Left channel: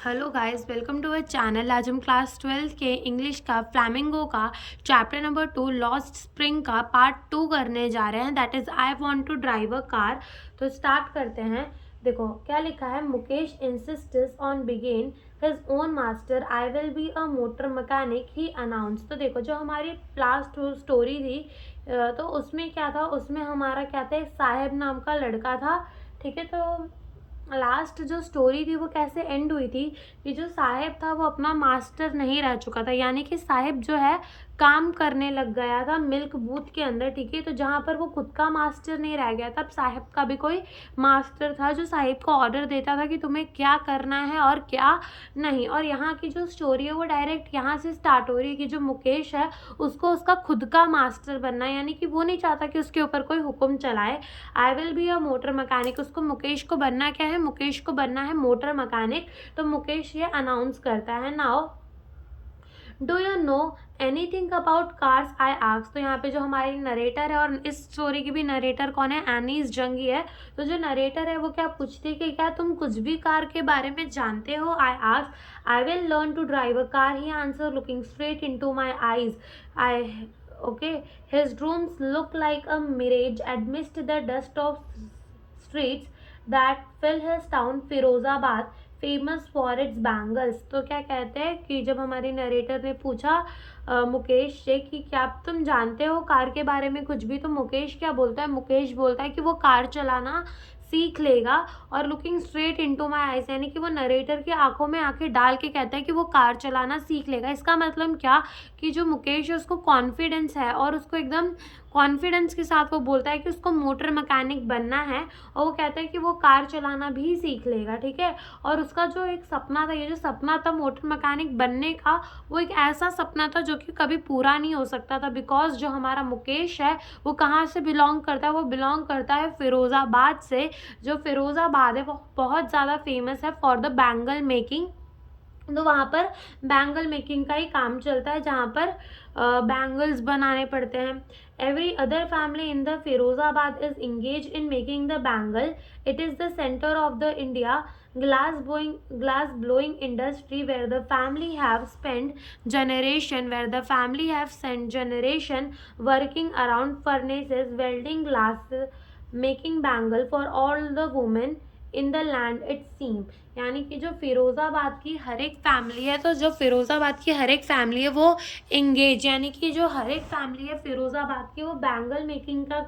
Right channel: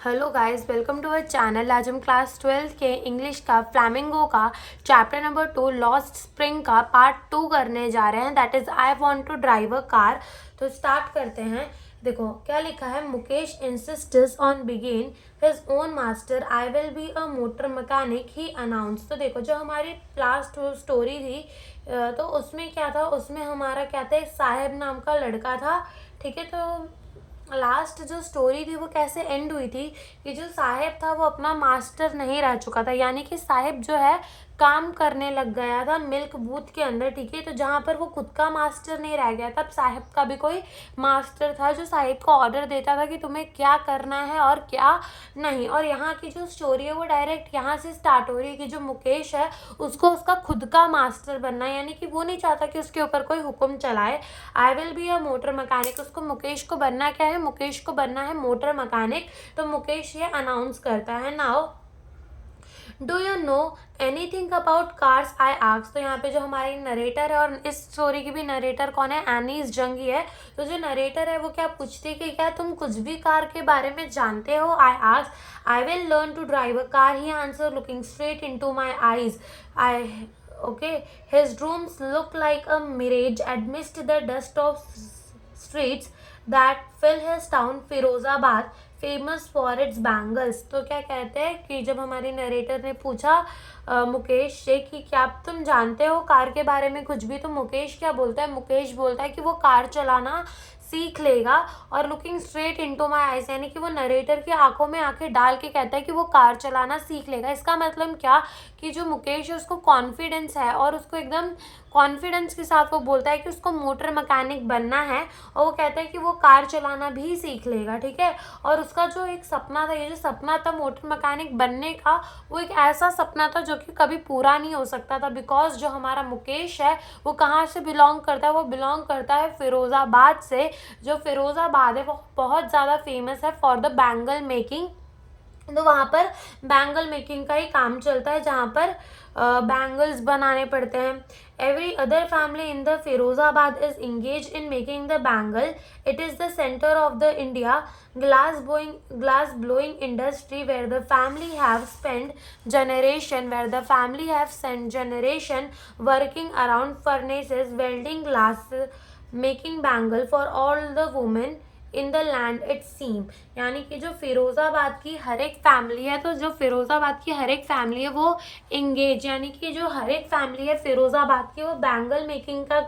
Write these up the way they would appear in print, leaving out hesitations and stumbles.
Hello guys, welcome to our channel. आज हम class 12 के इंग्लिश का फ्लैमिंगो का चैप्टर नंबर 2 लॉस्ट स्प्रिंग का पार्ट 2 करने जा रहे हैं। That is I want to drive a car. तो स्टार्ट करते हैं। देखो क्या लिखा है। Mukesh insists on begin his own master, I will be a motor mechanic, he announce. तो देखो जो हमारी लास्ट स्टोरी थी तो उसमें क्या था, उसमें हमारा क्या था, एक साहेब नाम का लड़का था। ठीक है, तो लास्ट जो स्टोरी थी वो कैसे एंड हुई थी कि जो साहेब था वो अपना मास्टर नहीं रह चुका था, यानी कि साहेब जो है काम करने लग गया था मिल्क बूथ के अंदर। ठीक है, तो जहाँ पर वो खुद का मास्टर नहीं रह गया था, अब साहेब का भी कोई मास्टर था जो साहेब को ऑर्डर देता था कि तुम्हें क्या करना है और क्या नहीं। और यहाँ की जो स्टोरी है वो डायरेक्ट यहाँ से स्टार्ट हो रही है कि जो मुकेश है उसको उसका खुद का मास्टर बनना है, यानी कि वो नहीं चाहता कि उसके ऊपर कोई हुक्म चलाए। आई will be a motor mechanic, उसको मुकेश को बनना क्या है, मुकेश को बनना है मोटर मैकेनिक। तो मुकेश ये अनाउंस करता है। Now do you know anything about cars, I ask. तो यहाँ पे जो हमारी नरेटर है, और इस स्टोरी की भी नरेटर कौन है, एनीस जंगी है। तो जो नरेटर है वो क्या पूछती है कि क्या तुम कुछ भी कार के बारे में जानते हो। I ask I will learn to drive a car, he answer looking straight into my eyes. I okay, his rooms look like a mirage amidst the dust of streets that fill his town Firozabad famous for its bangles. तो क्या कहते हैं कि जब हमारी narrator ने पूछा मुकेश से कि क्या तुम जानते हो कार के बारे में कुछ भी, तो मुकेश क्या बोलता है, मुकेश बोलता है कि वो कार चलाना सीख लेगा। और looking straight into my eyes, यानी कि वो नरेटर की आंखों में आंखें डाल के कहता है कि वो कार चलाना सीख लेगा। इसका मतलब क्या कि जो मुकेश है उसको कॉन्फिडेंस है, और उसको एकदम कॉन्फिडेंस के साथ वो बोलता है कि उसको मोटर मैकेनिक बनना है, और वो कहता है कि वो कार चलाना भी सीख लेगा। ठीक है, और उसका जो एक सपना था, ये जो सपना था मोटर मैकेनिक बनने का, वो एक ऐसा सपना था जो कि कभी पूरा नहीं हो सकता था, बिकॉज जो हमारा मुकेश है वो कहाँ से बिलोंग करता है, वो बिलोंग करता है फिरोज़ाबाद से। जो फिरोज़ाबाद है वो बहुत ज़्यादा फेमस है फॉर द बैंगल मेकिंग। तो वहाँ पर बैंगल मेकिंग का ही काम चलता है, जहाँ पर बैंगल्स बनाने पड़ते हैं। Every other family in the Firozabad is engage in making the bangle. It is the centre of the India glass blowing industry where the family have spent generation working around furnaces welding glass making bangle for all the women in the land it seem. यानी कि जो फिरोज़ाबाद की हर एक family है, तो जो फिरोज़ाबाद की हर एक फैमिली है वो इंगेज, यानी कि जो हर एक फैमिली है फिरोज़ाबाद की वो बैंगल मेकिंग का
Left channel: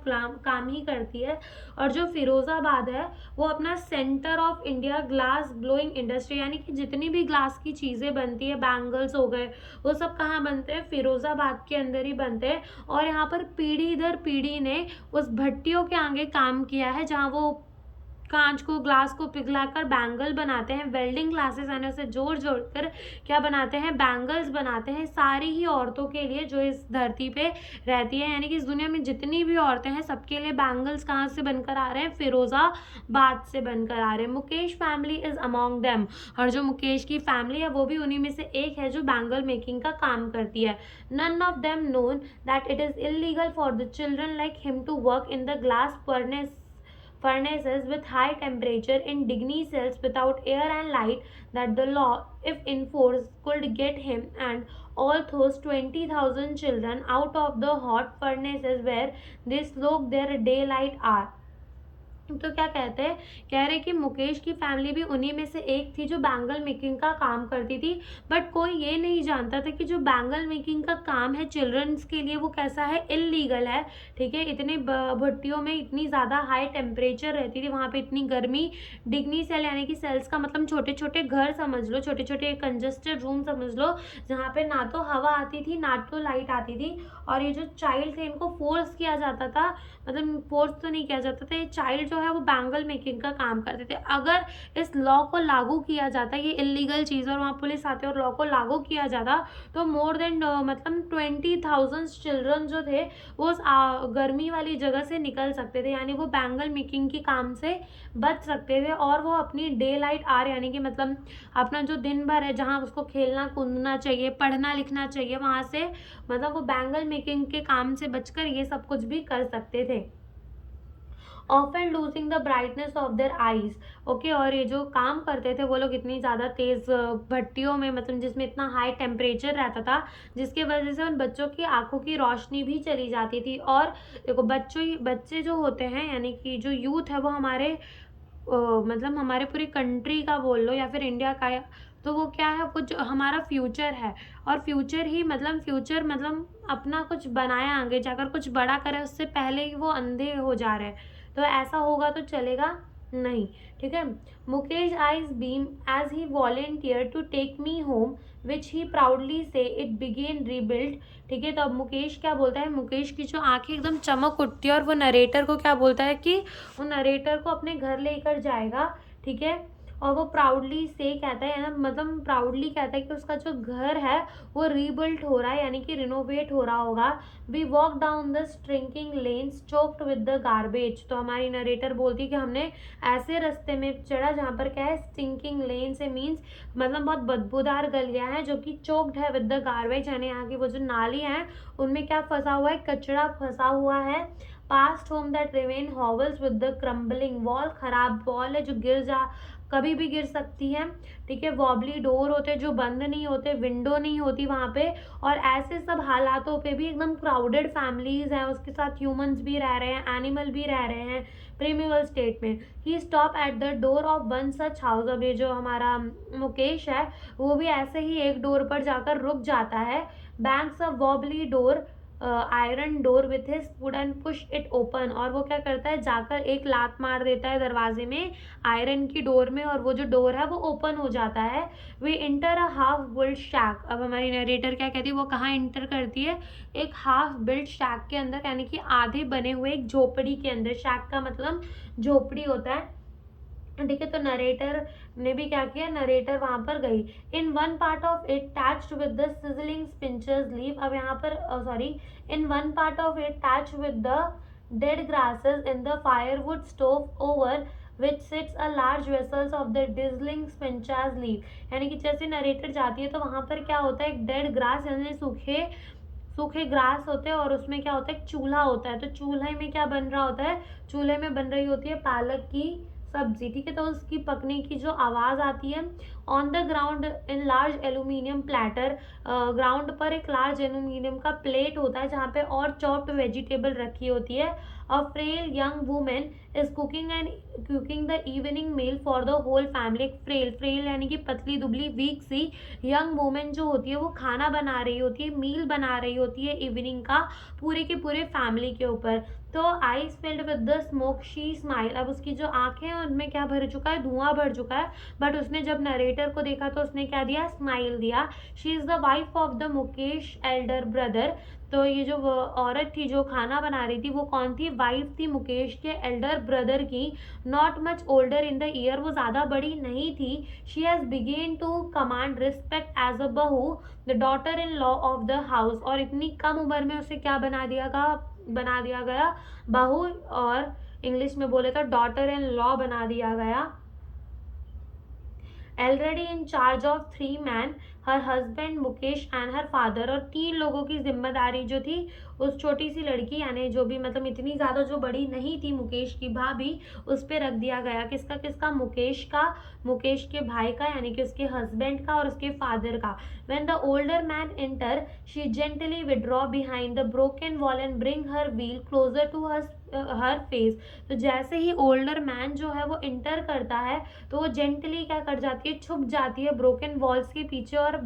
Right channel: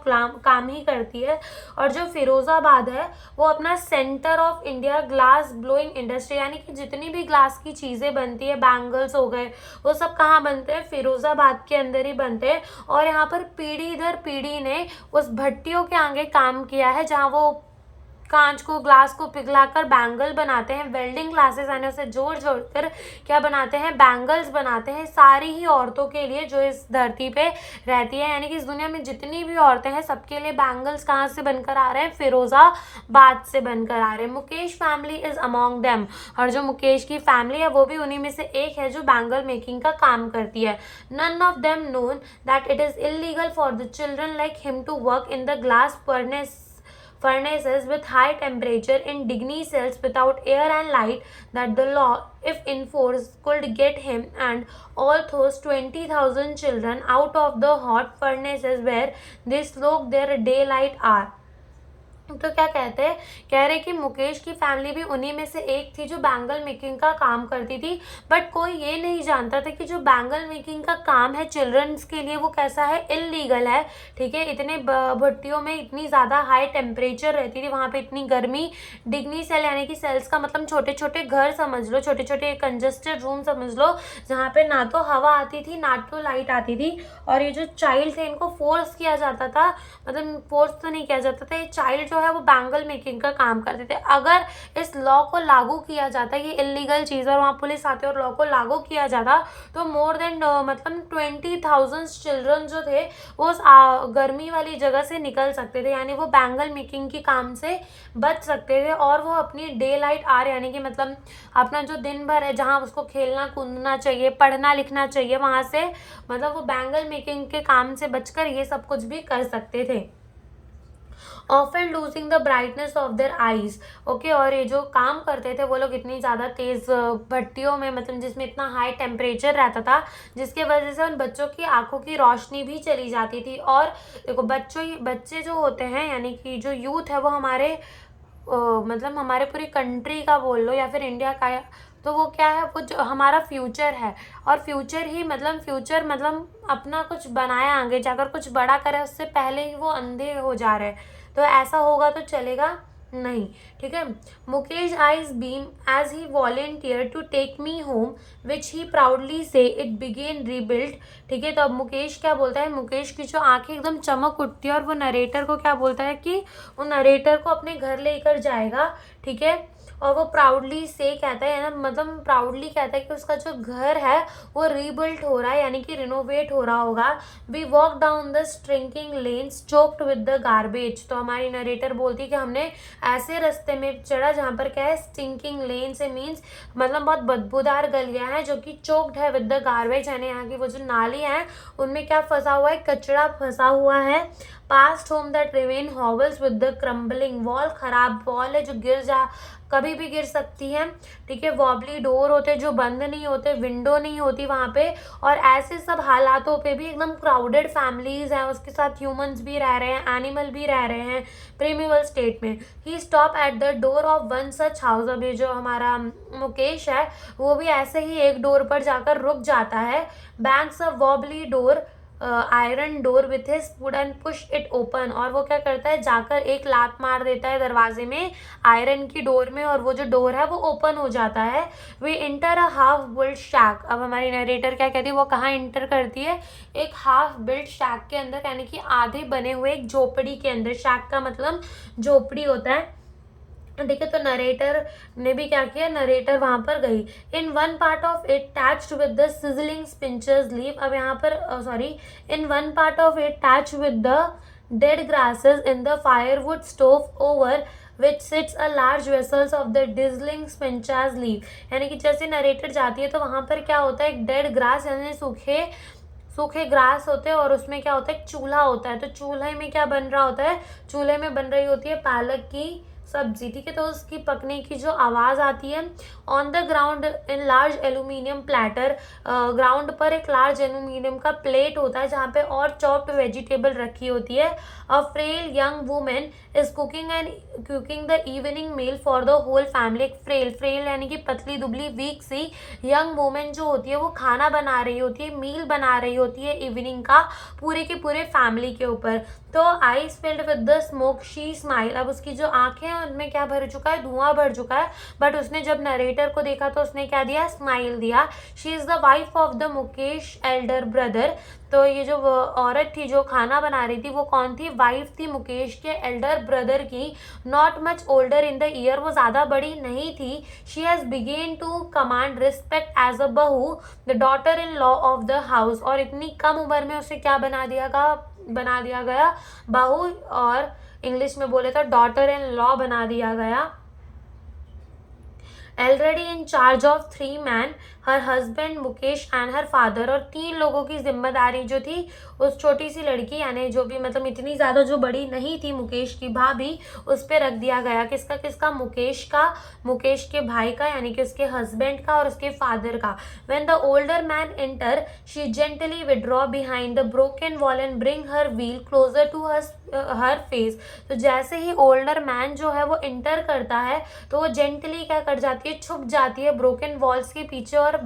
काम ही करती है। और जो फिरोज़ाबाद है वो अपना centre of India glass blowing industry, यानी कि जितनी भी ग्लास की चीज़ें बनती है, बैंगल्स हो गए, वो सब कहाँ बनते हैं, फिरोज़ाबाद के अंदर ही बनते हैं। और यहाँ पर पीढ़ी दर पीढ़ी ने उस भट्टियों के आगे काम किया है जहाँ वो कांच को ग्लास को पिघलाकर बैंगल बनाते हैं। वेल्डिंग ग्लासेस आने से जोड़ जोड़ कर क्या बनाते हैं, बैंगल्स बनाते हैं, सारी ही औरतों के लिए जो इस धरती पे रहती है, यानी कि इस दुनिया में जितनी भी औरतें हैं सबके लिए बैंगल्स कहाँ से बनकर आ रहे हैं, फिरोजाबाद से बनकर आ रहे हैं। Mukesh family is among them, और जो मुकेश की फैमिली है वो भी उन्हीं में से एक है जो बैंगल मेकिंग का काम करती है। None of them known that it is illegal for the children like him to work in the glass furnaces with high temperature in Digny cells without air and light, that the law, if enforced, could get him and all those 20,000 children out of the hot furnaces where they slog their daylight hour। तो क्या कहते हैं, कह रहे कि मुकेश की family भी उन्हीं में से एक थी जो बैंगल मेकिंग का काम करती थी। बट कोई ये नहीं जानता था कि जो बैंगल मेकिंग का काम है चिल्ड्रंस के लिए वो कैसा है, इलीगल है। ठीक है, इतने भट्टियों में इतनी ज़्यादा हाई टेम्परेचर रहती थी, वहाँ पे इतनी गर्मी। डिग्नी सेल यानी कि सेल्स का मतलब छोटे छोटे घर समझ लो, छोटे छोटे कंजस्टेड रूम समझ लो, जहाँ पे ना तो हवा आती थी ना तो लाइट आती थी। और ये जो चाइल्ड थे इनको फोर्स किया जाता था, मतलब फोर्स तो नहीं किया जाता था, ये चाइल्ड जो है वो बैंगल मेकिंग का काम करते थे। अगर इस लॉ को लागू किया जाता है, ये इलीगल चीज़ और वहाँ पुलिस आती है और लॉ को लागू किया जाता, तो मोर देन मतलब 20,000 चिल्ड्रन जो थे वो उस गर्मी वाली जगह से निकल सकते थे, यानी वो बैंगल मेकिंग के काम से बच सकते थे। और वो अपनी डे लाइट आर यानी कि मतलब अपना जो दिन भर है जहाँ उसको खेलना कूदना चाहिए, पढ़ना लिखना चाहिए, वहाँ से मतलब वो बैंगल मेकिंग के काम से बचकर ये सब कुछ भी कर सकते थे। Often losing the brightness of their eyes. Okay, और ये जो काम करते थे वो लोग इतनी ज़्यादा तेज़ भट्टियों में, मतलब जिसमें इतना हाई टेम्परेचर रहता था, जिसके वजह से उन बच्चों की आंखों की रोशनी भी चली जाती थी। और देखो बच्चे जो होते हैं, यानी कि जो यूथ है वो हमारे मतलब हमारे पूरी कंट्री का बोल लो या फिर इंडिया का, तो वो क्या है, वो जो हमारा फ्यूचर है। और फ्यूचर मतलब अपना कुछ बनाया, आगे जाकर कुछ बड़ा करे, उससे पहले ही वो अंधे हो जा रहे हैं। तो ऐसा होगा तो चलेगा नहीं, ठीक है। Mukesh eyes beam as he volunteer to take me home which he proudly say it began rebuild. ठीक है, तो अब मुकेश क्या बोलता है, मुकेश की जो आंखें एकदम चमक उठती है और वो नरेटर को क्या बोलता है कि वो नरेटर को अपने घर लेकर जाएगा। ठीक है, और वो प्राउडली से कहता है ना, मतलब प्राउडली कहता है कि उसका जो घर है वो रीबिल्ट हो रहा है, यानी कि रिनोवेट हो रहा होगा। We walk down the stinking lanes choked with the garbage. तो हमारी नरेटर बोलती है कि हमने ऐसे रास्ते में चढ़ा जहाँ पर क्या है, स्टिंकिंग लेन से मीन्स मतलब बहुत बदबूदार गलियाँ हैं जो कि चोक्ड है विद द गार्बेज, यानी यहाँ की वो जो नाली है उनमें क्या फंसा हुआ है, कचरा फंसा हुआ है। Past home that remain hovels with the crumbling wall, खराब वॉल है जो कभी भी गिर सकती है। ठीक है, वॉबली डोर होते हैं जो बंद नहीं होते, विंडो नहीं होती वहाँ पे। और ऐसे सब हालातों पे भी एकदम क्राउडेड फैमिलीज हैं, उसके साथ ह्यूमंस भी रह रहे हैं, एनिमल भी रह रहे हैं प्रीमिवल स्टेट में। He stop at the door of one such house. अभी जो हमारा मुकेश है वो भी ऐसे ही एक डोर पर जाकर रुक जाता है। Banks a wobbly door iron door with his foot and push it open. और वो क्या करता है, जाकर एक लात मार देता है दरवाजे में, आयरन की डोर में, और वो जो डोर है वो ओपन हो जाता है। We enter a half built shack. अब हमारी नरेटर क्या कहती है, वो कहाँ इंटर करती है, एक हाफ बिल्ट शैक के अंदर, यानी कि आधे बने हुए एक झोपड़ी के अंदर। शैक का मतलब झोपड़ी होता है। ठीक है, तो नरेटर ने भी क्या किया, नरेटर वहां पर गई। In one part of it thatched with the sizzling spinach leave. अब यहाँ पर sorry, in one part of it thatched with the dead grasses in the firewood stove over which sits a large vessels of the sizzling spinach leave. यानी कि जैसे narrator जाती है तो वहां पर क्या होता है, एक डेड ग्रास यानी सूखे ग्रास होते हैं, और उसमें क्या होता है, एक चूल्हा होता है। तो चूल्हे में क्या बन रहा होता है, चूल्हे में बन रही होती है पालक की सब्जी। ठीक है, तो उसकी पकने की जो आवाज आती है। On the ground in large aluminium platter, ground पर एक लार्ज एल्यूमिनियम का प्लेट होता है जहाँ पे और चॉप्ड वेजिटेबल रखी होती है। A frail young women is cooking the evening meal for the whole family. एक फ्रेल यानी कि पतली दुबली वीक सी यंग वुमेन जो होती है वो खाना बना रही होती है, मील बना रही होती है इवनिंग का पूरे के पूरे फैमिली के ऊपर। तो eyes filled with the smoke she smile. अब उसकी जो आंखें हैं उनमें क्या भर चुका है, धुआं भर चुका है, बट उसने जब नरेटर को देखा तो उसने क्या दिया, स्माइल दिया। She is the wife of the Mukesh Elder brother. तो ये जो औरत थी जो खाना बना रही थी वो कौन थी, वाइफ थी मुकेश के एल्डर ब्रदर की। Not much older in the year, वो ज्यादा बड़ी नहीं थी। She has began to command respect as a bahu the daughter in law of the house. और इतनी कम उम्र में उसे क्या बना दिया गया, बहू, और इंग्लिश में बोले तो डॉटर इन लॉ बना दिया गया। Already in charge of 3 man, her husband Mukesh and her father. और 3 लोगों की जिम्मेदारी जो थी उस छोटी सी लड़की, यानी जो भी मतलब इतनी ज्यादा जो बड़ी नहीं थी मुकेश की भाभी, उस पर रख दिया गया। किसका किसका, मुकेश का, मुकेश के भाई का, यानी कि उसके हस्बैंड का और उसके फादर का। When the older man enter she gently withdraw behind the broken wall and bring her veil closer to her face. तो जैसे ही ओल्डर मैन जो है वो इंटर करता है तो वो जेंटली क्या कर जाती है, छुप जाती है ब्रोकन वॉल्स के पीछे, और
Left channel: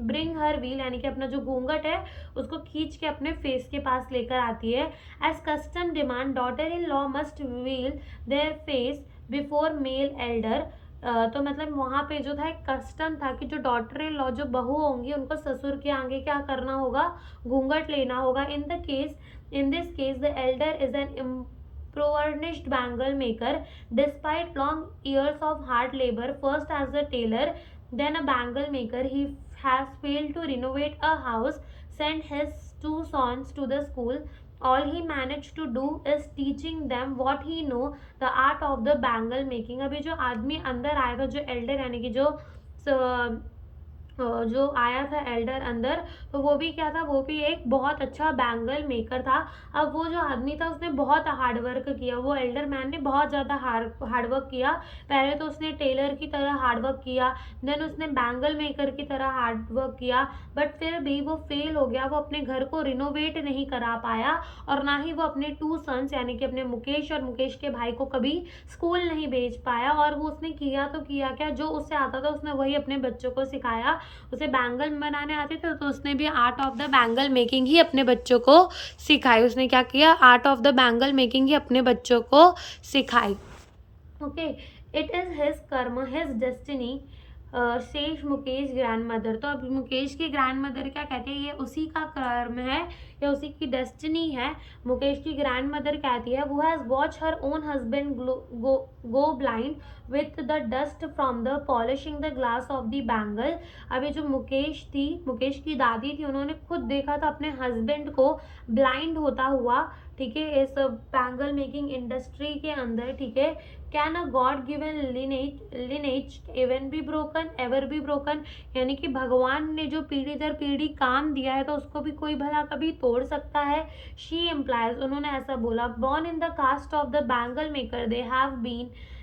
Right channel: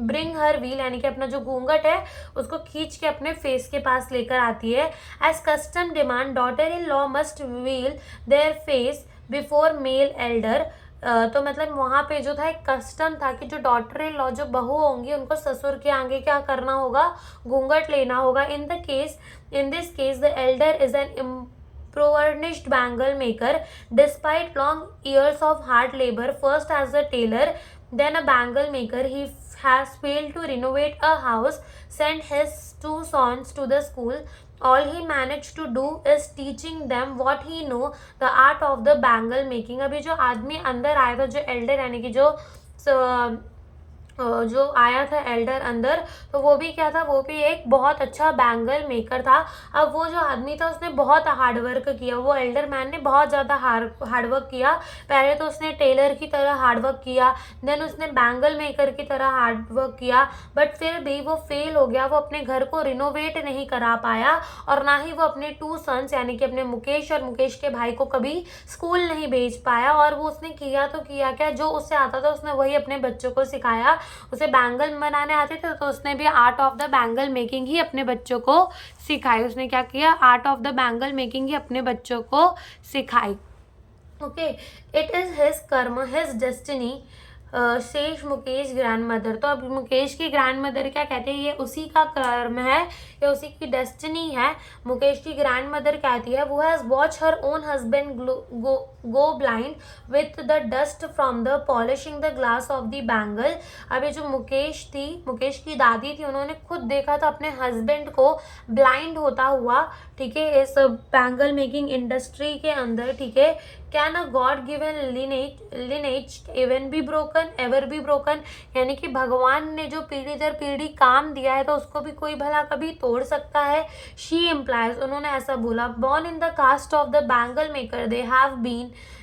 ब्रिंग हर व्हील यानी कि अपना जो घूंघट है उसको खींच के अपने फेस के पास लेकर आती है। As custom demand daughter in law must veil their face before male elder. तो मतलब वहां पे जो था एक कस्टम था कि जो डॉटर इन लॉ जो बहू होंगी उनको ससुर के आगे क्या करना होगा, घूंघट लेना होगा। In this case the Elder is an impoverished bangle maker. Despite long years of hard labor, first as a tailor, then a bangle maker, he has failed to renovate a house, sent his 2 sons to the school. All he managed to do is teaching them what he know, the art of the bangle making. अभी जो आदमी अंदर आया था, जो Elder यानी कि जो जो आया था एल्डर अंदर, तो वो भी क्या था, वो भी एक बहुत अच्छा बैंगल मेकर था। अब वो जो आदमी था उसने बहुत हार्ड वर्क किया, वो एल्डर मैन ने बहुत ज़्यादा हार्ड वर्क किया। पहले तो उसने टेलर की तरह हार्ड वर्क किया, देन उसने बैंगल मेकर की तरह हार्ड वर्क किया, बट फिर भी वो फेल हो गया। वो अपने घर को रिनोवेट नहीं करा पाया, और ना ही वो अपने 2 सन्स यानी कि अपने मुकेश और मुकेश के भाई को कभी स्कूल नहीं भेज पाया। और वो उसने किया तो किया क्या, जो उससे आता था उसने वही अपने बच्चों को सिखाया। उसे बैंगल बनाने आते थे, तो उसने भी art of the bangle making ही अपने बच्चों को सिखाई। उसने क्या किया, art of the bangle making ही अपने बच्चों को सिखाई। Okay, it is his karma, his destiny, शेष मुकेश ग्रैंड मदर। तो अब मुकेश की ग्रैंड मदर क्या कहते हैं, ये उसी का कर्म है, ये उसी की डेस्टिनी है। मुकेश की ग्रैंड मदर कहती है, वो has watch her own husband go blind with the dust from the polishing the glass of the bangle. अब ये जो मुकेश थी, मुकेश की दादी थी, उन्होंने खुद देखा था अपने हस्बैंड को ब्लाइंड होता हुआ, ठीक है, इस बैंगल मेकिंग इंडस्ट्री के अंदर, ठीक है। Can a god given lineage even be broken, ever be broken, यानी कि भगवान ने जो पीढ़ी दर पीढ़ी काम दिया है तो उसको भी कोई भला कभी तोड़ सकता है। शी इम्प्लाइज, उन्होंने ऐसा बोला, born in the caste of the bangle maker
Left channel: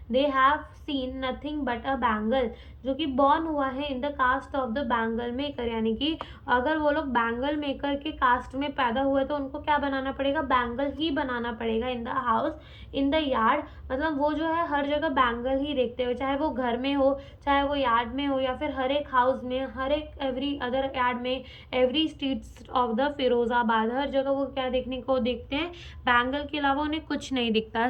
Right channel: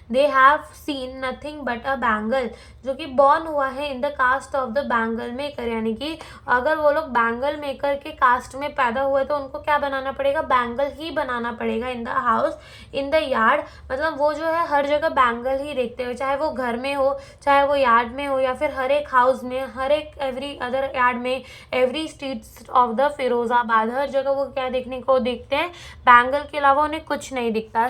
they have seen nothing but a bangle, जो कि बॉर्न हुआ है in the caste of the bangle maker, यानी कि अगर वो लोग बैंगल मेकर के कास्ट में पैदा हुए तो उनको क्या बनाना पड़ेगा, बैंगल ही बनाना पड़ेगा। In the house, in the yard, मतलब वो जो है हर जगह बैंगल ही देखते हुए, चाहे वो घर में हो, चाहे वो यार्ड में हो, या फिर हर एक हाउस में, हर एक एवरी अदर यार्ड में, every streets of the Firozabad, हर जगह वो क्या देखने को देखते हैं, बैंगल के अलावा उन्हें कुछ नहीं दिखता।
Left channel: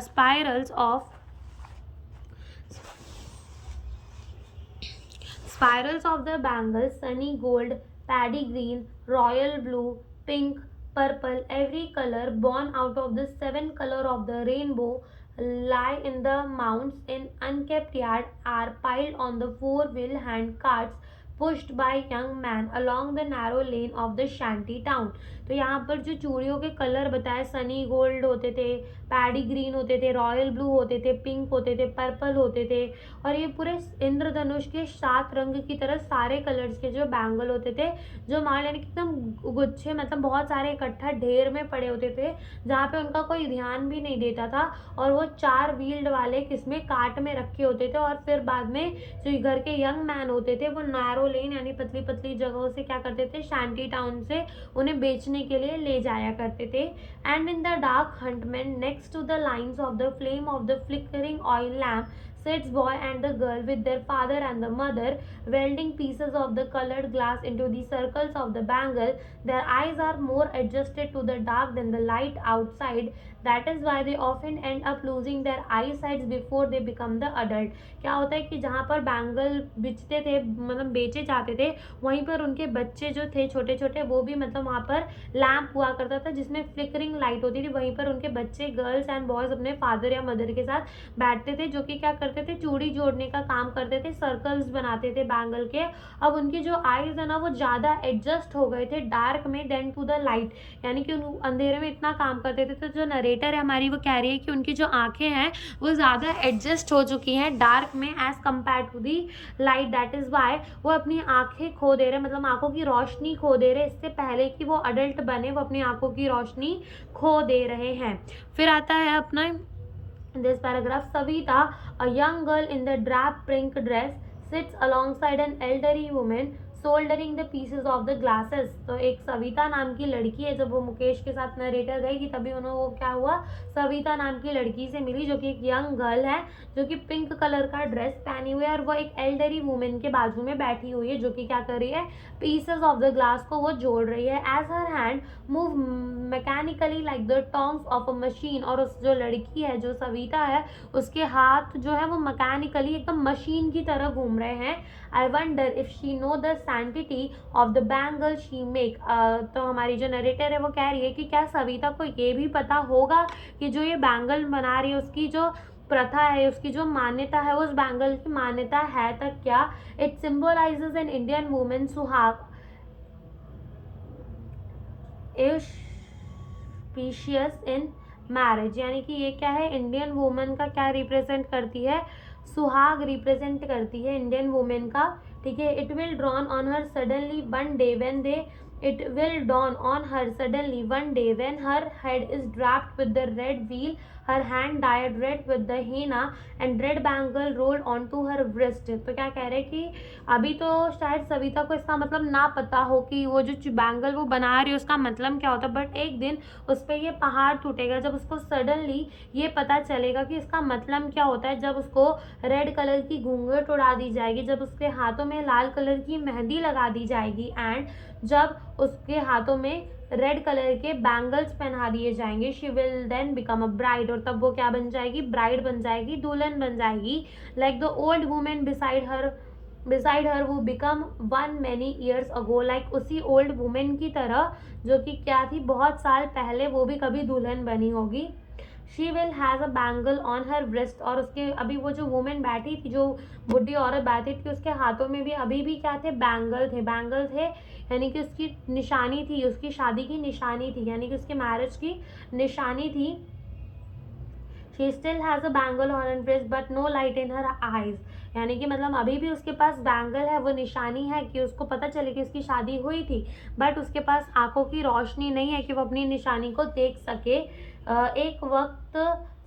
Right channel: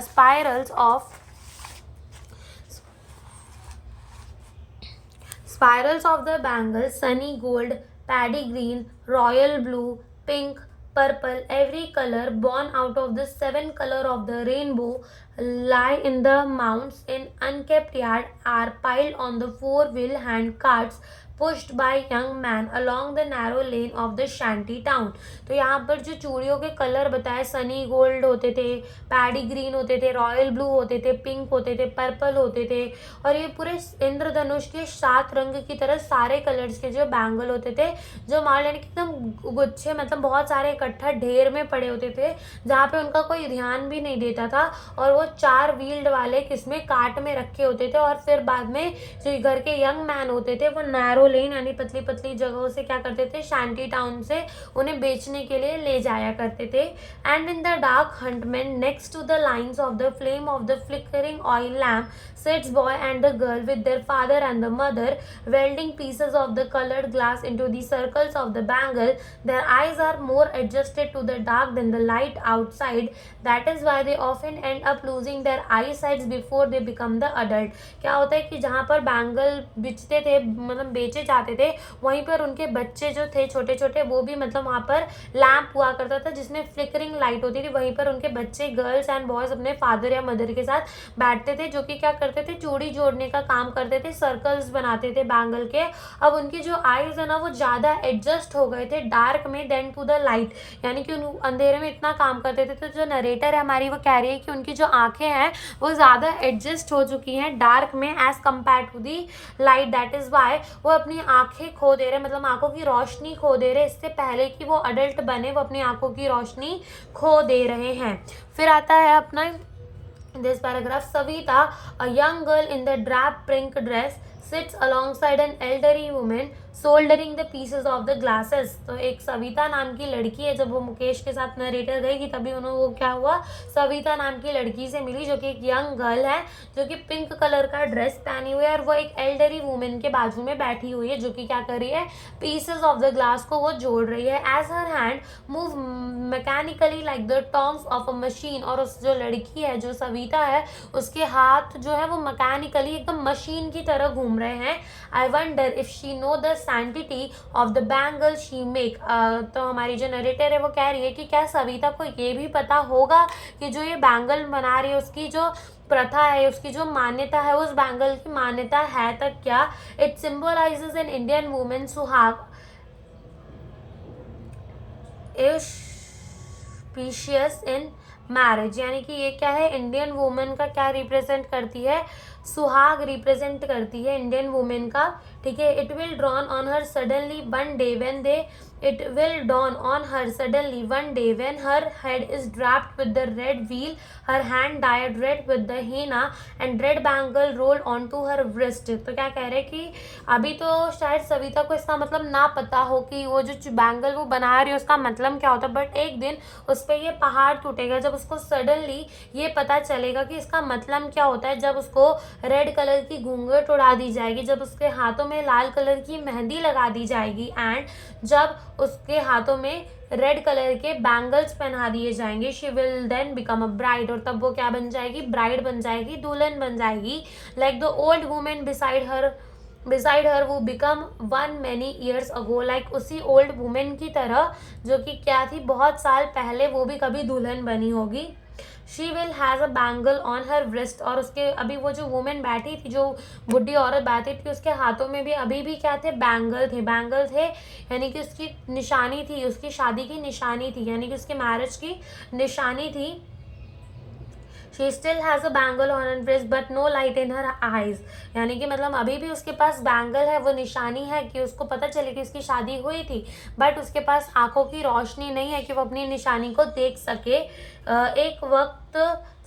Spirals of the bangle, sunny gold, paddy green, royal blue, pink, purple, every color born out of the 7 color of the rainbow lie in the mounds in unkept yard, are piled on the 4-wheel hand carts pushed by young man along the narrow lane of the shanty town। तो यहाँ पर जो चूड़ियों के colour बताए, Sunny gold होते थे, paddy green होते थे, रॉयल ब्लू होते थे, पिंक होते थे, पर्पल होते थे, और ये पूरे इंद्रधनुष के 7 रंग की तरह सारे कलर्स के जो बैंगल होते थे, जो मार लेने के एकदम गुच्छे, मतलब बहुत सारे इकट्ठा ढेर में पड़े होते थे, जहाँ पे उनका कोई ध्यान भी नहीं देता था। और वो 4 व्हील्ड वाले किसमें, कार्ट में रखे होते थे। और फिर बाद में जो घर के यंग मैन होते थे, वो नैरो लेन यानी पतली पतली जगहों से क्या करते थे, शैंटी टाउन से उन्हें बेचने के लिए ले जाया करते थे। And in the dark hutment next to the lines of the flame of the flickering oil lamp sits boy and the girl with their father and the mother, welding pieces of the colored glass into the circles of the bangle. Their eyes are more adjusted to the dark than the light outside. That is why they often end up losing their eyesight before they become the adult। क्या होता है कि जहाँ पर bangle बेचते थे, मतलब बेचे जाते थे, वहीं पर उनके बच्चे जो थे छोटे छोटे, वो भी मतलब वहाँ पर लैम्प हुआ करता था जिसमें फ्लिकरिंग लाइट होती थी, वहीं पर उनके बच्चे गर्ल्स एंड बॉयज अपने फादर या मदर के साथ बैठते थे, जो कि क्या करते थे, चूड़ी जोड़ने का काम करते थे, सर्कल्स बनाते थे बैंगल के। अब उनकी जो आईज है ना, वो ज़्यादा एडजस्ट हो गए थे डार्क में देन टू द लाइट, यानी कि अंधेरे में इतना काम करते थे। तो जो नरेटर है हमारी, वो कह रही है कि उनकी जो आंखें हैं वो ज़्यादा एडजस्ट हो चुकी हैं डार्क में as compare to the light. That is why वो अपनी आंखें खो दे रहे, मतलब आंखों की रोशनी खो दे रहे, इससे पहले कि वो अडल्ट बने वो अपनी आंखों की रोशनी खो दे रहे हैं। फिर आता है अपना this paragraph, Savita, a young girl in the drab pink dress, sits alongside an elderly woman soldering the pieces of the glasses। तो एक सविता नाम की लड़की है, जब वो मुकेश के साथ नरेटर गई थी तभी उन्होंने वो क्या हुआ, सविता नाम की लड़की से मिली, जो कि एक यंग गर्ल है, जो कि पिंक कलर का ड्रेस पहनी हुई है, और वो एक एल्डरी वुमेन के बाजू में बैठी हुई है, जो कि क्या कर रही है, पीसेस ऑफ द ग्लास को वो जोड़ रही है। As her hand move mechanically like the terms of a machine, और उस जो लड़की है, जो सविता है, उसके हाथ जो है वो मैकेनिकली एकदम मशीन की तरह घूम रहे हैं। I wonder if she know the sanctity of the bangle she make. तो हमारी जो नरेटर है वो कह रही है कि क्या सविता को ये भी पता होगा कि जो ये बैंगल बना रही है उसकी जो प्रथा है, उसकी जो मान्यता है, उस बैंगल की मान्यता है तक क्या। It symbolizes an Indian women सुहाग स्पीशियस इन मैरिज, यानी कि ये क्या है, इंडियन वुमेन का क्या रिप्रेजेंट करती है, सुहाग रिप्रेजेंट करती है इंडियन वुमेन का, ठीक है. It will dawn on her suddenly one day when they it will dawn on her suddenly one day when her head is draped with the red veil, her hand dyed red with the henna and red bangle rolled onto her wrist. तो क्या कह रहे हैं कि अभी तो शायद सविता को इसका मतलब ना पता हो कि वो जो बैंगल वो बना रही है उसका मतलब क्या होता है, बट एक दिन उस पर ये पहाड़ टूटेगा जब उसको सडनली ये पता चलेगा कि इसका मतलब क्या होता है. जब उसको रेड कलर की घूंघट उड़ा दी जाएगी, जब उसके हाथों में लाल कलर की मेहंदी लगा दी जाएगी एंड जब उसके हाथों में रेड कलर के बैंगल्स पहना दिए जाएंगे, she will then become a bride. और तब वो क्या बन जाएगी, ब्राइड बन जाएगी, दुल्हन बन जाएगी. Like the old women beside her who become one many years ago, like उसी ओल्ड वुमेन की तरह जो कि क्या थी बहुत साल पहले, वो भी कभी दुल्हन बनी होगी. She will has a bangle on her wrist. और उसके अभी वो जो वुमेन बैठी थी, जो बुढ़ी औरत बैठी थी, उसके हाथों में भी अभी भी क्या थे, बैंगल थे यानी कि उसकी निशानी थी, उसकी शादी की निशानी थी, यानी कि उसके मैरिज की निशानी थी. She still has a bangle on her wrist but no light in her eyes. यानी कि मतलब अभी भी उसके पास बैंगल है, वो निशानी है कि उसको पता चले कि उसकी शादी हुई थी, बट उसके पास आंखों की रोशनी नहीं है कि वो अपनी निशानी को देख सके. एक वक्त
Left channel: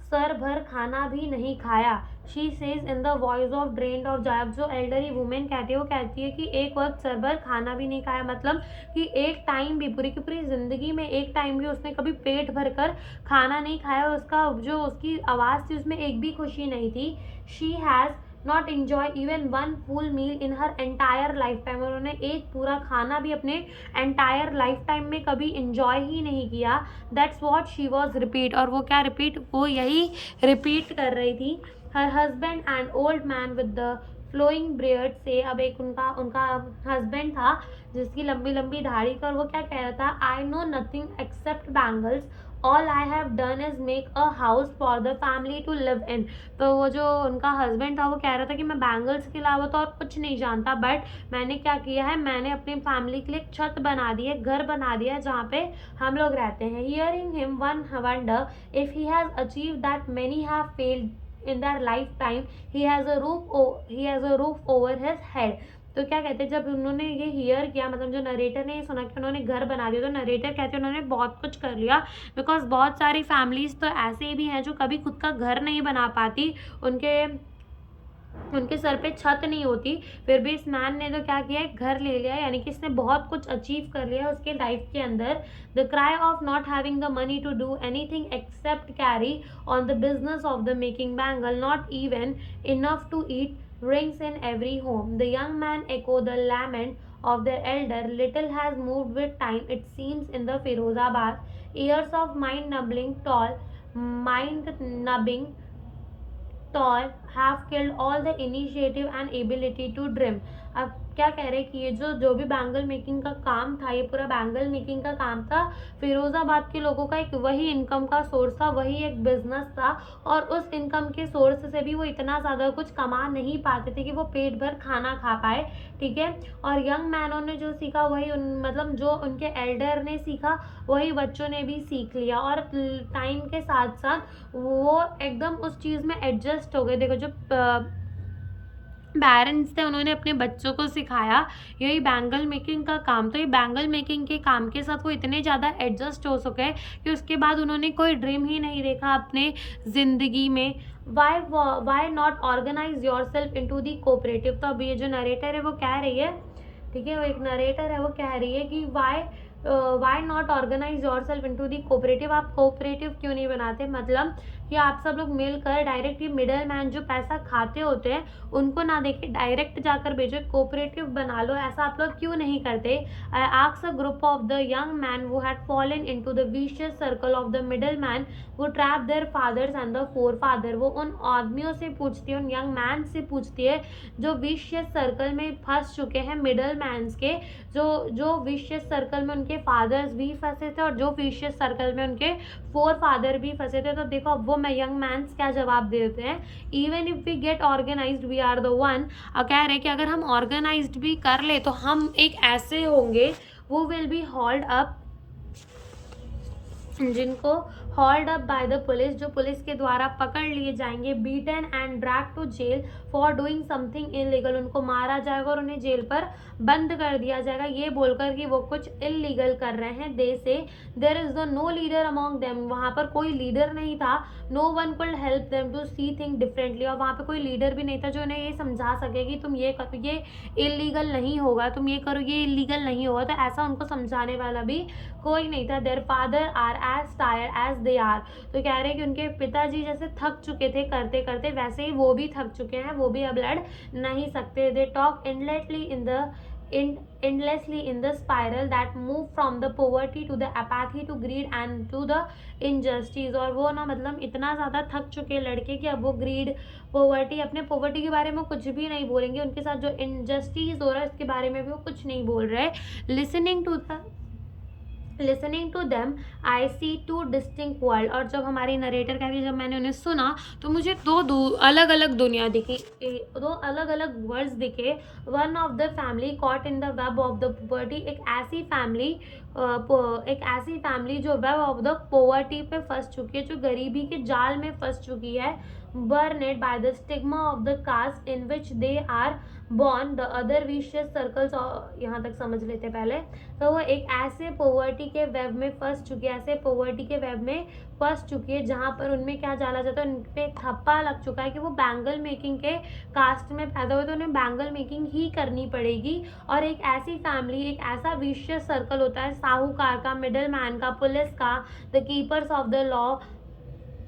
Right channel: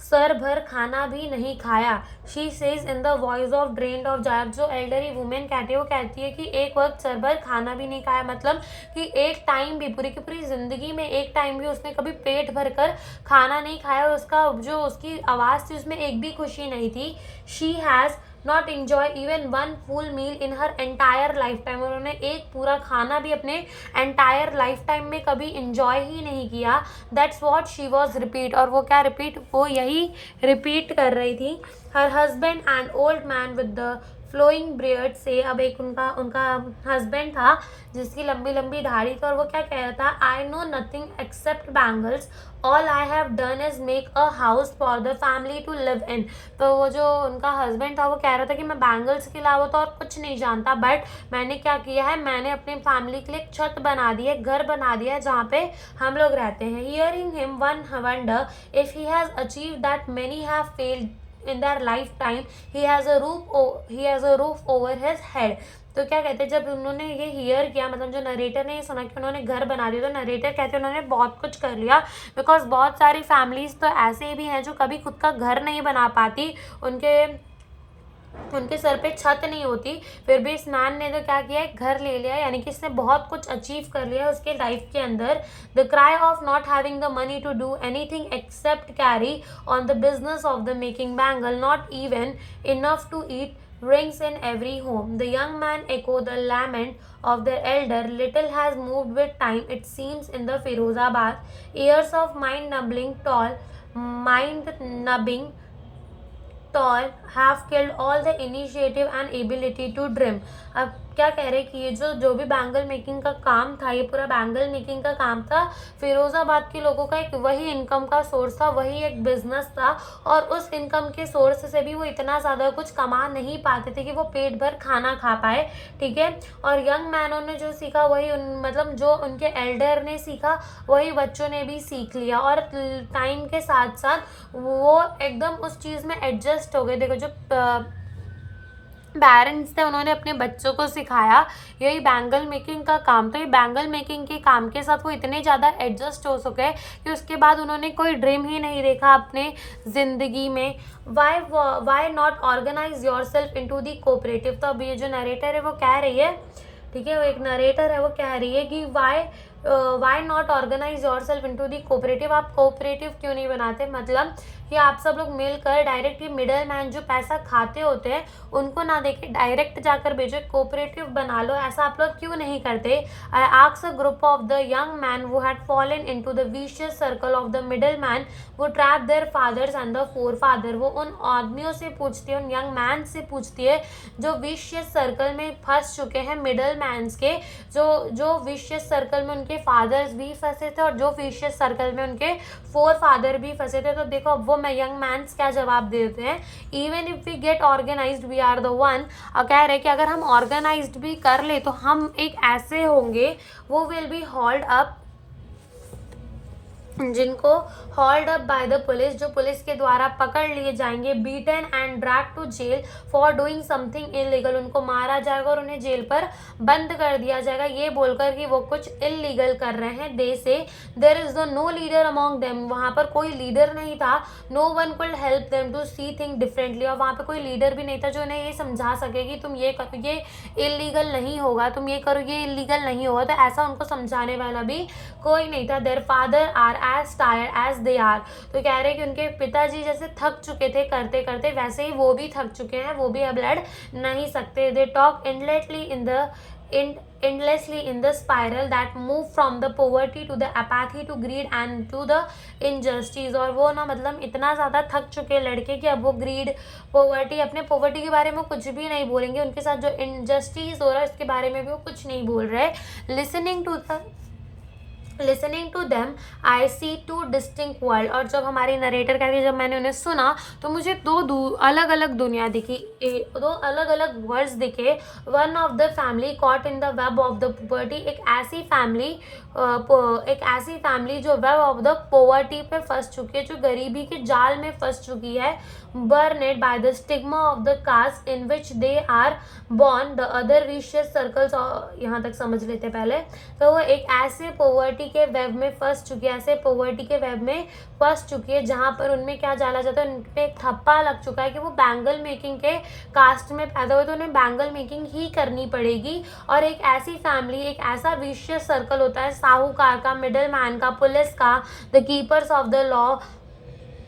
सर भर खाना भी नहीं खाया. She says in the voice of drained of jar. जो एल्डरी वुमेन कहती है वो कहती है कि एक वक्त सर भर खाना भी नहीं खाया, मतलब कि एक टाइम भी, पूरी की पूरी जिंदगी में एक टाइम भी उसने कभी पेट भर कर खाना नहीं खाया. उसका जो उसकी आवाज़ थी उसमें एक भी खुशी नहीं थी. She has not enjoy even one full meal in her entire life time. उन्होंने एक पूरा खाना भी अपने एंटायर लाइफ टाइम में कभी इन्जॉय ही नहीं किया. That's what she was repeat. और वो क्या रिपीट, वो यही रिपीट कर रही थी. Her husband and old man with the flowing beard से. अब एक उनका हस्बैंड था जिसकी लंबी लंबी दाढ़ी थी और वो क्या कह रहा था, I know nothing except bangles, all I have done is make a house for the family to live in. तो वो जो उनका हस्बैंड था वो कह रहा था कि मैं बैंगल्स के अलावा तो और कुछ नहीं जानता, बट मैंने क्या किया है, मैंने अपनी फैमिली के लिए एक छत बना दी है, घर बना दिया है जहाँ पे हम लोग रहते हैं. Hearing him one wonder if he has achieve that many have failed in their lifetime, he has a roof over his head. तो क्या कहते हैं, जब उन्होंने ये हियर किया, मतलब जो नरेटर ने ये सुना कि उन्होंने घर बना दिया, तो नरेटर कहते हैं उन्होंने बहुत कुछ कर लिया, बिकॉज बहुत सारी फैमिलीज तो ऐसे भी हैं जो कभी खुद का घर नहीं बना पाती, उनके सर पे छत नहीं होती, फिर भी इस मैन ने तो क्या किया, घर ले लिया, यानी कि इसने बहुत कुछ अचीव कर लिया उसके लाइफ के अंदर. The cry of not having the money to do anything except carry on the business of the making bangle, not even enough to eat rings in every home. The young man echoed the lament of their elder. Little has moved with time, it seems, in the Firozabad. Years of mind-numbing toil have killed all the initiative and ability to dream. अब क्या कह रहे हैं कि ये जो भी bangle making का काम था, ये पूरा बैंगल मेकिंग का काम था, फिरोज़ाबाद के लोगों का एक वही इनकम का सोर्स था, वही एक बिजनेस था, और उस इनकम के सोर्स से भी वो इतना ज़्यादा कुछ कमा नहीं पाते थे कि वो पेट भर खाना खा पाए. ठीक है. और यंग मैनों ने जो सीखा वही मतलब जो उनके एल्डर ने सीखा वही बच्चों ने भी सीख लिया, और टाइम के साथ साथ वो एकदम उस चीज़ में एडजस्ट हो गए. देखो जो पेरेंट्स थे उन्होंने अपने बच्चों को सिखाया, यही बैंगल मेकिंग का काम था. ये बैंगल मेकिंग के काम के साथ वो इतने ज़्यादा एडजस्ट हो सके कि उसके बाद उन्होंने कोई ड्रीम ही नहीं देखा अपने ज़िंदगी में. Why not organise your self in to the cooperative. तो अब ये जो नरेटर है वो कह रही है, ठीक है, वो एक नरेटर है, वो कह रही है कि why not organise your self in to the cooperative. आप कोऑपरेटिव क्यों नहीं बनाते, मतलब कि आप सब लोग मिलकर डायरेक्ट ये मिडल मैन जो पैसा खाते होते हैं उनको ना देके डायरेक्ट जाकर भेजो, कोऑपरेटिव बना लो. ऐसा आप लोग क्यों नहीं करते. I asked a group of the young man who had fallen into the vicious circle of the middle man वो trap their fathers and the forefather. वो उन आदमियों से पूछती है, उन यंग मैन से पूछती है जो विशियस सर्कल में फंस चुके हैं, मिडल मैन्स के, जो विशियस सर्कल में उनके फादर्स भी फंसे थे और जो विशियस सर्कल में उनके फोर फादर भी फंसे थे. तो देखो अब वो यंग मैन्स क्या जवाब देते हैं, even if we get organised we are the one. कह रहे कि अगर हम ऑर्गेनाइज्ड भी कर ले तो हम एक ऐसे होंगे वो विल बी हॉल्ड अप, जिनको called up by the police, जो पुलिस के द्वारा पकड़ लिए जाएंगे, beaten and drag to jail for doing something illegal, उनको मारा जाएगा और उन्हें जेल पर बंद कर दिया जाएगा ये बोलकर कि वो कुछ इलीगल कर रहे हैं। They say there is no leader among them, वहां पर कोई लीडर नहीं था। No one could help them to see thing differently, और वहां पर कोई लीडर भी नहीं था जो उन्हें ये समझा सके कि तुम ये करो, ये इलीगल नहीं होगा, तुम ये करो, ये इलीगल नहीं होगा। तो ऐसा उनको समझाने वाला भी कोई नहीं था। Their father are as tired as they are, तो कह रहे हैं कि उनके पिताजी जैसे थक चुके थे करते करते, वैसे ही वो भी थक चुके हैं, वो भी अब लड़ नहीं सकते। They talk endlessly in the spiral that move from the poverty to the apathy to greed and to the injustice, और वो ना मतलब इतना ज़्यादा थक चुके लड़के कि अब वो ग्रीड, पोवर्टी, अपने पोवर्टी के बारे में कुछ भी नहीं बोलेंगे, उनके साथ जो इनजस्टिस हो रहा है इसके बारे में भी वो कुछ नहीं बोल रहे। Listening to them I see two distinct world, और जब हमारी नरेटर कहती है जब मैंने उन्हें सुना तो मुझे दो अलग अलग दुनिया दिखी, दो अलग अलग वर्ल्ड्स दिखे। One of the family caught in the web of the poverty, एक ऐसी फैमिली जो वेब ऑफ द पॉवर्टी पे फंस चुकी है, जो गरीबी के जाल में फंस चुकी है। Burdened by the stigma of the caste in which they are born, the other vicious circles, यहाँ तक समझ लेते पहले। तो वो एक ऐसे पॉवर्टी के वेब में फंस चुकी है, ऐसे पॉवर्टी के वेब में फंस चुकी है जहाँ पर उनमें क्या डाला जाता है, उनपे एक थप्पा लग चुका है कि वो बैंगल मेकिंग के कास्ट में पैदा हुए तो उन्हें बैंगल मेकिंग ही करनी पड़ेगी। और एक ऐसी फैमिली, एक ऐसा विशियस सर्कल होता है साहूकार का, मिडल मैन का, पुलिस का, the keepers of the law,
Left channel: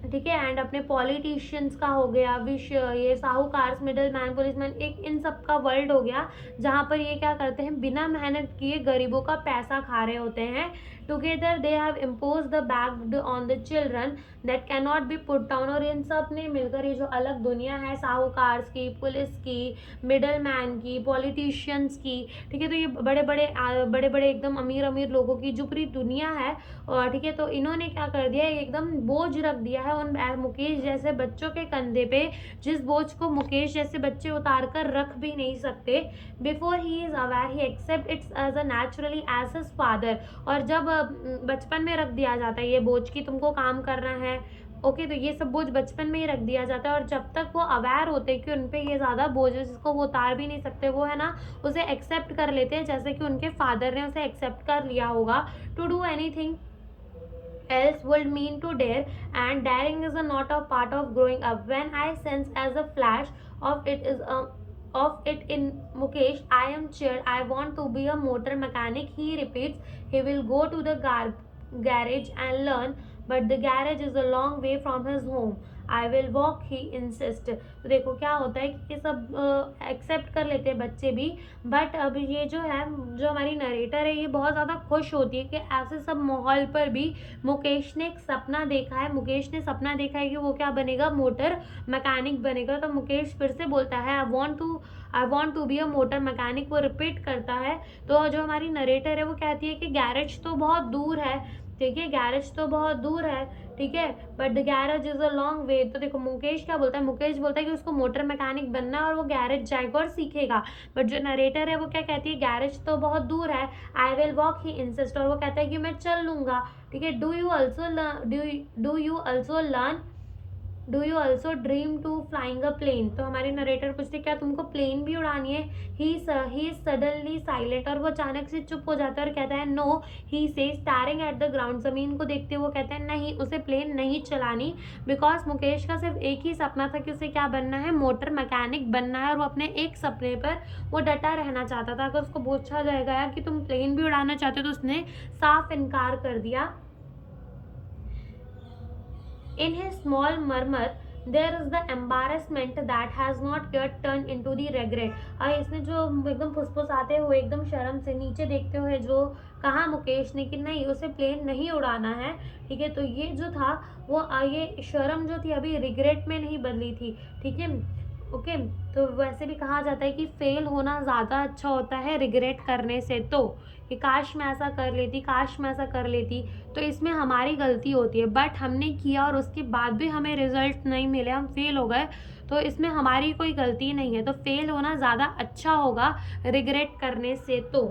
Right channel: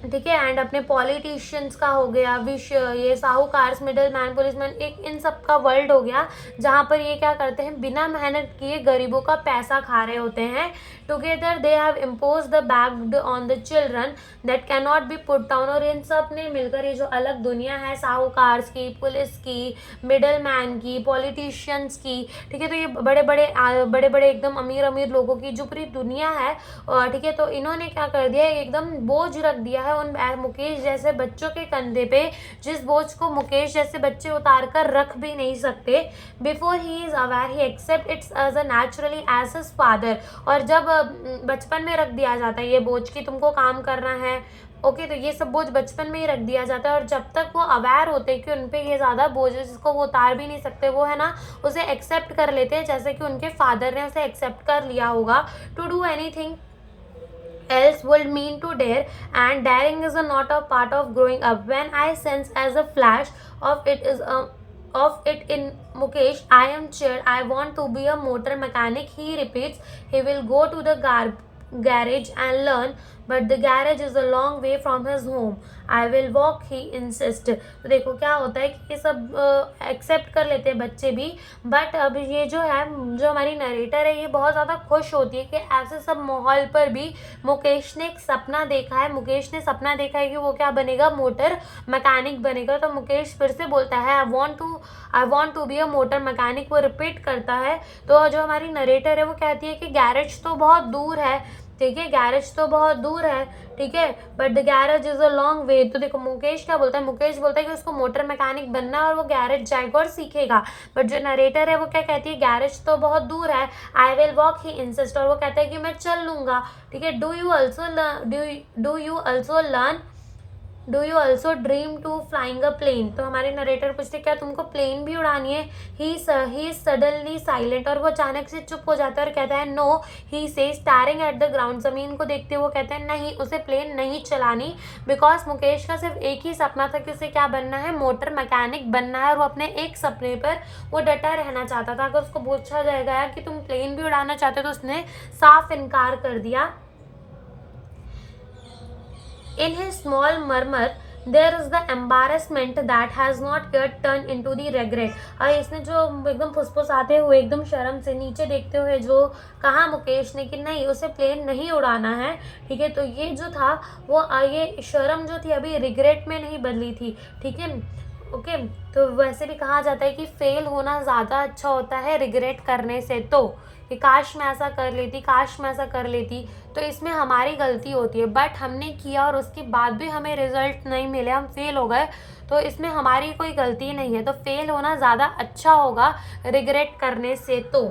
ठीक है, एंड अपने पॉलिटिशियंस का हो गया, ये साहूकार, मिडल मैन, पुलिसमैन, एक इन सब का वर्ल्ड हो गया जहाँ पर ये क्या करते हैं, बिना मेहनत किए गरीबों का पैसा खा रहे होते हैं। Together they have impose the bagged on the children that can not be put down, और इन सब ने मिलकर ये जो अलग दुनिया है साहूकार की, पुलिस की, मिडल मैन की, पॉलिटिशियंस की, ठीक है, तो ये बड़े बड़े एकदम अमीर अमीर लोगों की जो पूरी दुनिया है, ठीक है, तो इन्होंने क्या कर दिया, एकदम बोझ रख दिया है उन मुकेश जैसे बच्चों के कंधे पे, जिस बोझ को मुकेश जैसे बच्चे उतार कर रख भी नहीं सकते। Before he is aware he accept it's as a naturally as his father, और जब बचपन में रख दिया जाता है ये बोझ कि तुमको काम करना है, ओके, तो ये सब बोझ बचपन में ही रख दिया जाता है, और जब तक वो अवेयर होते हैं कि उन पे ये ज़्यादा बोझ है जिसको वो उतार भी नहीं सकते, वो है ना उसे एक्सेप्ट कर लेते हैं, जैसे कि उनके फादर ने उसे एक्सेप्ट कर लिया होगा। To do anything else would mean to dare, and daring is not a part of growing up. When I sense as a flash of it in Mukesh, I am cheered. I want to be a motor mechanic. He repeats. He will go to the garage and learn, but the garage is a long way from his home. I will walk, he insists. तो देखो क्या होता है कि ये सब accept कर लेते हैं बच्चे भी, बट अब ये जो है, जो हमारी नरेटर है, ये बहुत ज़्यादा खुश होती है कि ऐसे सब माहौल पर भी मुकेश ने एक सपना देखा है, मुकेश ने सपना देखा है कि वो क्या बनेगा, मोटर मैकेनिक बनेगा। तो मुकेश फिर से बोलता है I want to be a motor mechanic, वो रिपीट करता है। तो जो हमारी नरेटर है वो कहती है कि गैरेज तो बहुत दूर है, ठीक है, गैरेज तो बहुत दूर है, ठीक है, but the garage is a long way. तो देखो मुकेश क्या बोलता है, मुकेश बोलता है कि उसको मोटर मैकेनिक बनना है और वो गैरेज जाएगा और सीखेगा, बट जो नरेटर है वो क्या कहती है, गैरेज तो बहुत दूर है, I will walk, he insist, और वो कहता है कि मैं चल लूँगा, ठीक है। Do you also dream to flying a plane, तो हमारे नरेटर पूछते क्या तुमको प्लेन भी उड़ानी है। ही इज सडनली साइलेंट, और वो अचानक से चुप हो जाता है और कहता है नो, ही से स्टारिंग एट द ग्राउंड, जमीन को देखते हुए वो कहते हैं नहीं, उसे प्लेन नहीं चलानी, बिकॉज मुकेश का सिर्फ एक ही सपना था कि उसे क्या बनना है, मोटर मैकेनिक बनना है, और वो अपने एक सपने पर वो डटा रहना चाहता था। अगर उसको पूछा जाएगा कि तुम प्लेन भी उड़ाना चाहते हो तो उसने साफ इनकार कर दिया। In his small murmur, there is the embarrassment that has not yet turned into the regret. और इसने जो एकदम फुसफुसाते हुए, एकदम शर्म से नीचे देखते हुए जो कहा मुकेश ने कि नहीं, उसे प्लेन नहीं उड़ाना है, ठीक है, तो ये जो था वो ये शर्म जो थी अभी रिग्रेट में नहीं बदली थी, ठीक है, ओके। तो वैसे भी कहा जाता है कि फेल होना ज़्यादा अच्छा होता है रिग्रेट करने से, तो कि काश मैं ऐसा कर लेती, काश मैं ऐसा कर लेती, तो इसमें हमारी गलती होती है, बट हमने किया और उसके बाद भी हमें रिजल्ट नहीं मिले, हम फेल हो गए, तो इसमें हमारी कोई गलती नहीं है, तो फेल होना ज़्यादा अच्छा होगा रिग्रेट करने से, तो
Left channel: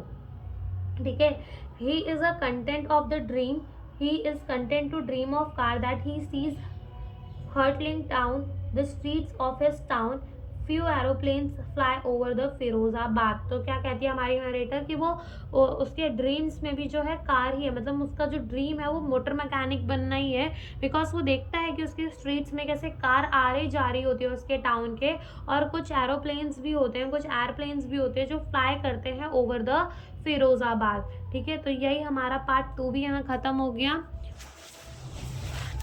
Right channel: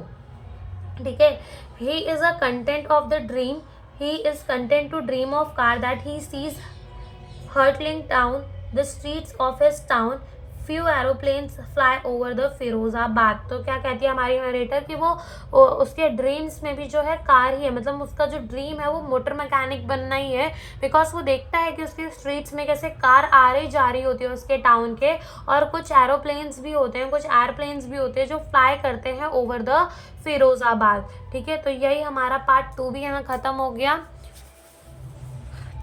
ठीक है। He is a content of the dream he is content to dream of car that he sees hurtling down the streets of his town. Few aeroplanes fly over the Firozabad. तो क्या कहती है हमारी नरेटर कि वो उसके ड्रीम्स में भी जो है कार ही है, मतलब उसका जो ड्रीम है वो मोटर मैकेनिक बनना ही है, बिकॉज वो देखता है कि उसके स्ट्रीट्स में कैसे कार आ रही जा रही होती है उसके टाउन के, और कुछ एरोप्लेन्स भी होते हैं, कुछ एयरप्लेन्स भी होते हैं जो फ्लाई करते हैं ओवर द फिरोजाबाद। ठीक है, तो यही हमारा पार्ट 2 भी यहाँ ख़त्म हो गया।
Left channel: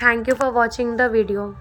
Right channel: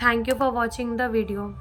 Thank you for watching the video.